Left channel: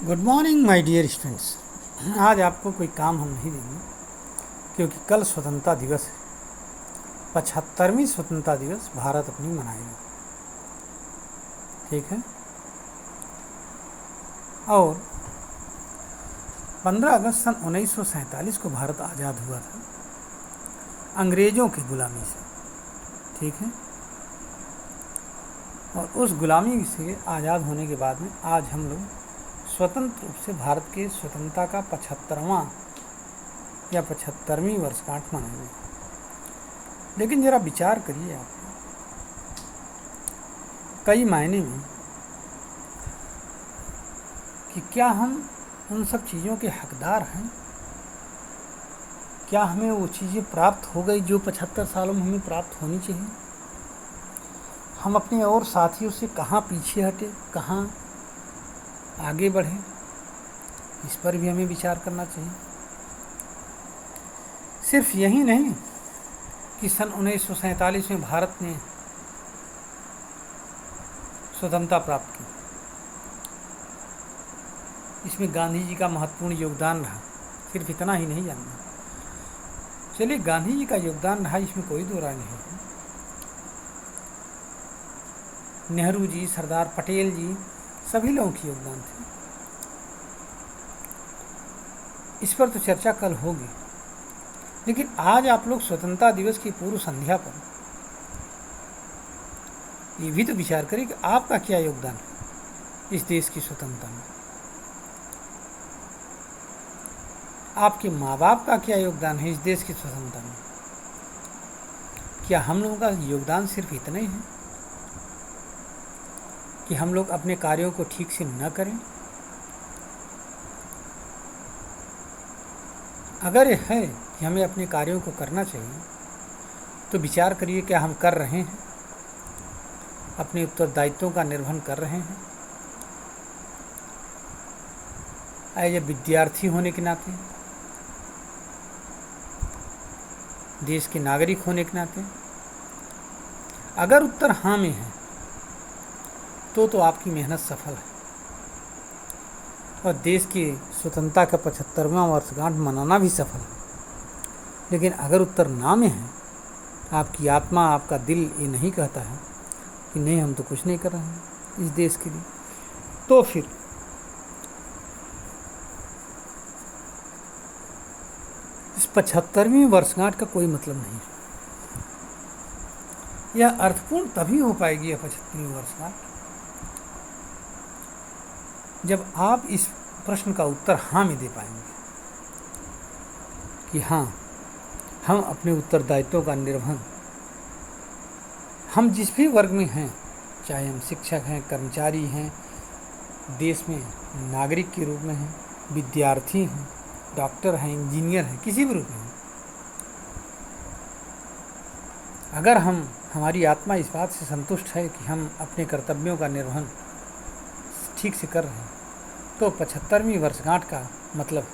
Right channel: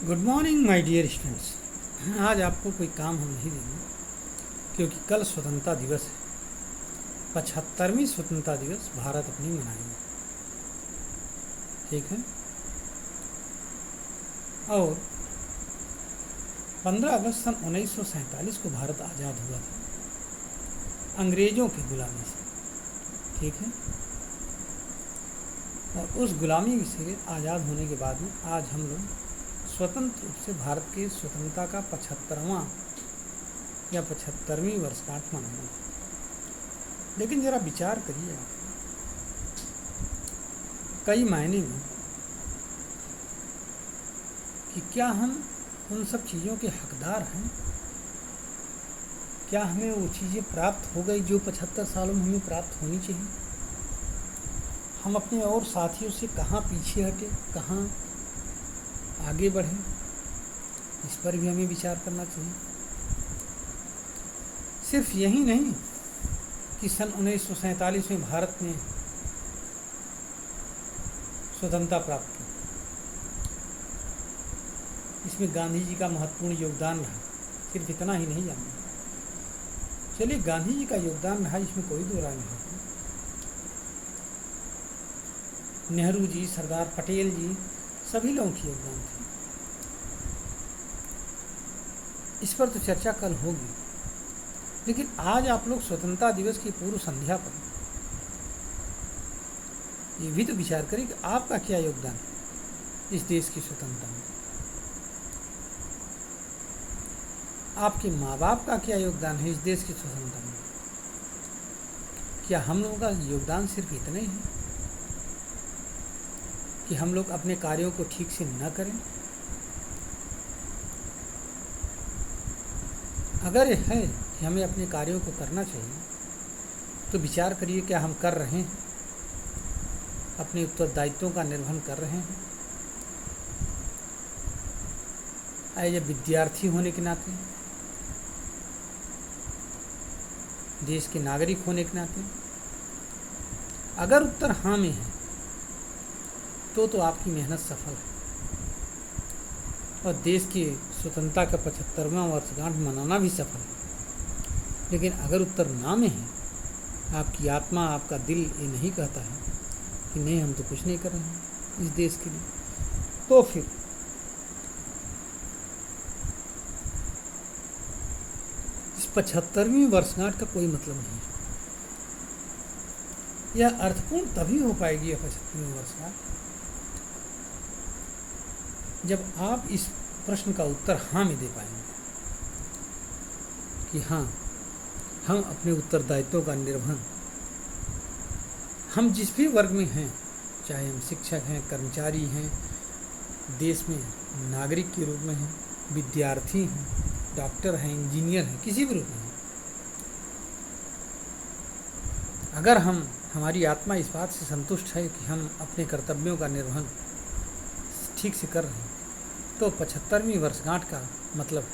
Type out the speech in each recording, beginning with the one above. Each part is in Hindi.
Good morning my dear students. आज आपको कोई काम हम नहीं देंगे क्योंकि कल स्वतंत्रता दिवस है। 75वीं स्वतंत्रता दिवस भारत अपनी मनाएगा, ठीक है। और 15 अगस्त सन 1947 को भारत आज़ाद हुआ था अंग्रेज़ों की गुलामी से, ठीक है। और उस गुलामी से आज़ाद होने के बाद में आज हम लोग स्वतंत्र रूप से भारत के स्वतंत्रता का 75वां या 75वीं वर्षगांठ मनाएंगे। लेकिन ज़रा विचार करिए आप, कई मायने में कि क्या हम उन सब चीज़ों के हकदार हैं? क्या हमें वो चीज़ें प्राप्त हो गई जो 75 सालों में हमें प्राप्त होनी चाहिए? हम अपने और साथियों से कहाँ पीछे हटे, कहाँ आगे बढ़े, इस पर भी हमें विचार करना चाहिए। सिर्फ यही नहीं कि सन 1947 में भारत ने स्वतंत्रता प्राप्त की, इसमें गांधी जी का महत्वपूर्ण योगदान रहा। सिर्फ इतना ही नहीं जानना, चलिए गांधी जी का योगदान रहा, इसमें कोई दो राय नहीं है। नेहरू जी, सरदार पटेल जी, सभी लोगों की योगदान थे, इस पर तो चर्चा कल होगी। लेकिन आज आप लोग स्वतंत्रता दिवस की पूर्व संध्या पर ये भी तो विचार करें कि आपका क्या योगदान है इस देश की स्वतंत्रता में। आपके माँ बाप का क्या योगदान है इस देश की स्वतंत्रता में। क्या हम लोगों का योगदान सिर्फ इतना ही है कि हम लोग अपने कार्यों को ठीक से न करें? अगर यह है कि हमें अपने कार्यों को करना चाहिए तो विचार करिए, क्या हम कर रहे हैं? अपने उत्तरदायित्वों का निर्वहन कर रहे हैं? एज ए विद्यार्थी होने के नाते, देश के नागरिक होने के नाते, अगर उत्तर हाँ में है तो आपकी मेहनत सफल है और देश की स्वतंत्रता का 75वां वर्षगांठ मनाना भी सफल है। लेकिन अगर उत्तर ना में है, आपकी आत्मा, आपका दिल ये नहीं कहता है कि नहीं हम तो कुछ नहीं कर रहे हैं इस देश के लिए, तो फिर इस 75वीं वर्षगांठ का कोई मतलब नहीं। यह अर्थपूर्ण तभी हो पाएगी यह 75वीं वर्षगांठ जब आप इस प्रश्न का उत्तर हाँ में दे पाएंगे कि हाँ, हम अपने उत्तरदायित्वों का निर्वहन, हम जिस भी वर्ग में हैं, चाहे हम शिक्षक हैं, कर्मचारी हैं, देश में नागरिक के रूप में हैं, विद्यार्थी हैं, डॉक्टर हैं, इंजीनियर हैं, किसी भी रूप में हैं, अगर हमारी आत्मा इस बात से संतुष्ट है कि हम अपने कर्तव्यों का निर्वहन ठीक से कर रहे हैं तो 75वीं वर्षगांठ का मतलब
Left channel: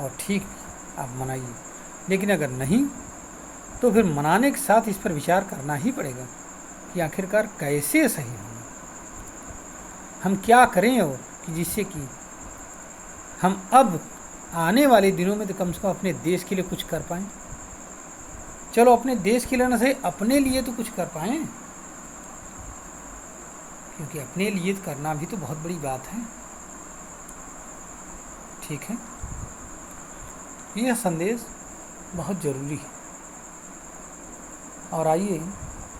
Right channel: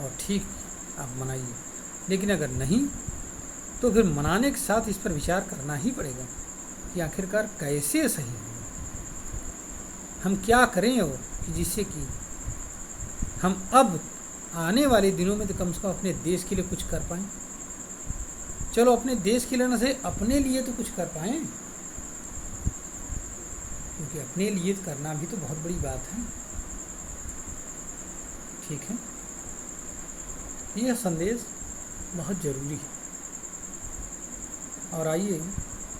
और ठीक आप मनाइए। लेकिन अगर नहीं तो फिर मनाने के साथ इस पर विचार करना ही पड़ेगा कि आखिरकार कैसे सही होगा, हम क्या करें और कि जिससे कि हम अब आने वाले दिनों में तो कम से कम अपने देश के लिए कुछ कर पाएँ। चलो अपने देश के लिए ना सही, अपने लिए तो कुछ कर पाएँ, क्योंकि अपने लिए करना भी तो बहुत बड़ी बात है, ठीक है। यह संदेश बहुत ज़रूरी है। और आइए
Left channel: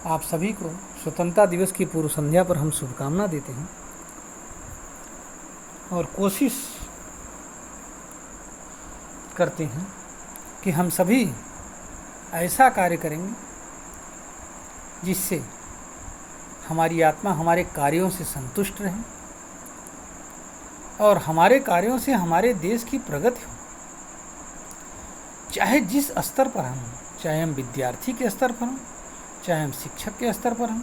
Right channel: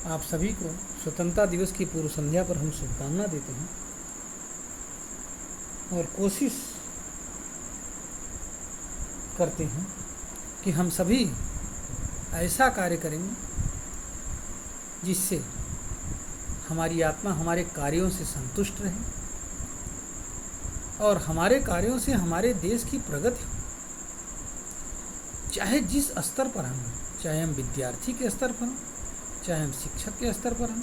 आप सभी को स्वतंत्रता दिवस की पूर्व संध्या पर हम शुभकामना देते हैं और कोशिश करते हैं कि हम सभी ऐसा कार्य करेंगे जिससे हमारी आत्मा हमारे कार्यों से संतुष्ट रहे और हमारे कार्यों से हमारे देश की प्रगति हो। चाहे जिस स्तर पर हम, चाहे हम विद्यार्थी के स्तर पर हों, चाहे हम शिक्षक के स्तर पर हों,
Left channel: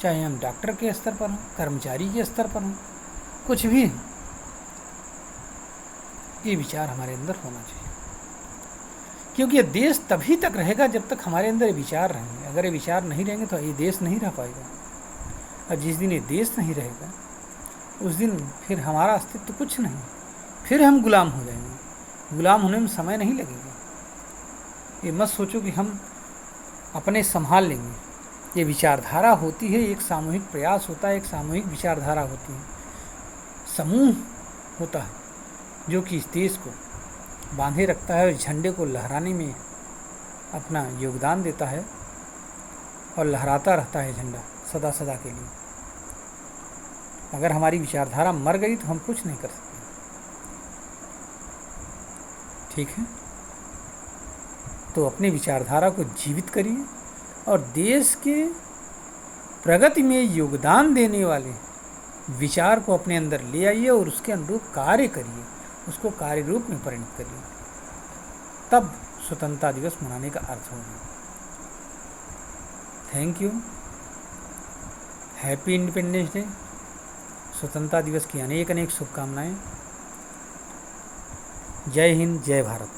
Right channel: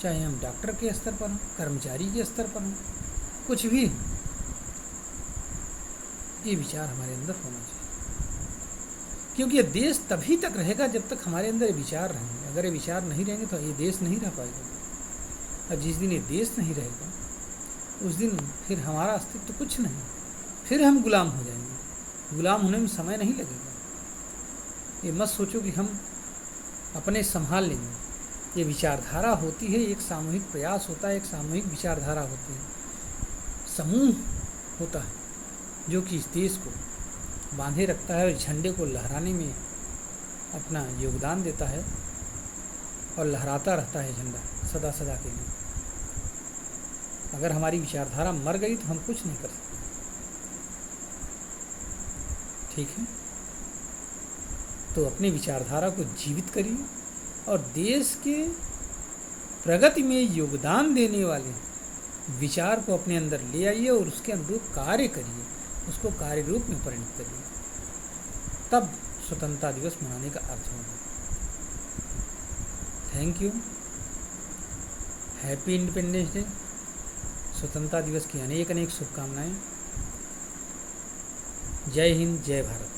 चाहे हम डॉक्टर के स्तर पर हों, कर्मचारी के स्तर पर हों, कुछ भी, ये विचार हमारे अंदर होना चाहिए। क्योंकि ये देश तभी तक रहेगा जब तक हमारे अंदर ये विचार रहेंगे। अगर ये विचार नहीं रहेंगे तो ये देश नहीं रह पाएगा, और जिस दिन ये देश नहीं रहेगा उस दिन फिर हमारा अस्तित्व कुछ नहीं, फिर हम गुलाम हो जाएंगे। गुलाम होने में समय नहीं लगेगा। ये मत सोचो कि हम अपने संभाल लेंगे। ये विचारधारा होती है, एक सामूहिक प्रयास होता है, एक सामूहिक विचारधारा होती है, समूह होता है जो कि इस देश को बांधे रखता है और झंडे को लहराने में अपना योगदान देता है और लहराता रहता है झंडा सदा सदा के लिए। अगर हमारी विचारधारा मर गई तो हम कुछ नहीं कर सकते। ठीक है, तो अपनी विचारधारा को जीवित करिए और देश के प्रगति में योगदान देने वाले विचार को अपने अंदर ले आइए और उसके अनुरूप कार्य करिए, उसको कार्य रूप में परिणत करिए। तब स्वतंत्रता दिवस मनाने का अर्थ होगा। Thank you. Happy independence day. स्वतंत्रता दिवस की अनेक अनेक शुभकामनाएं। जय हिंद, जय भारत।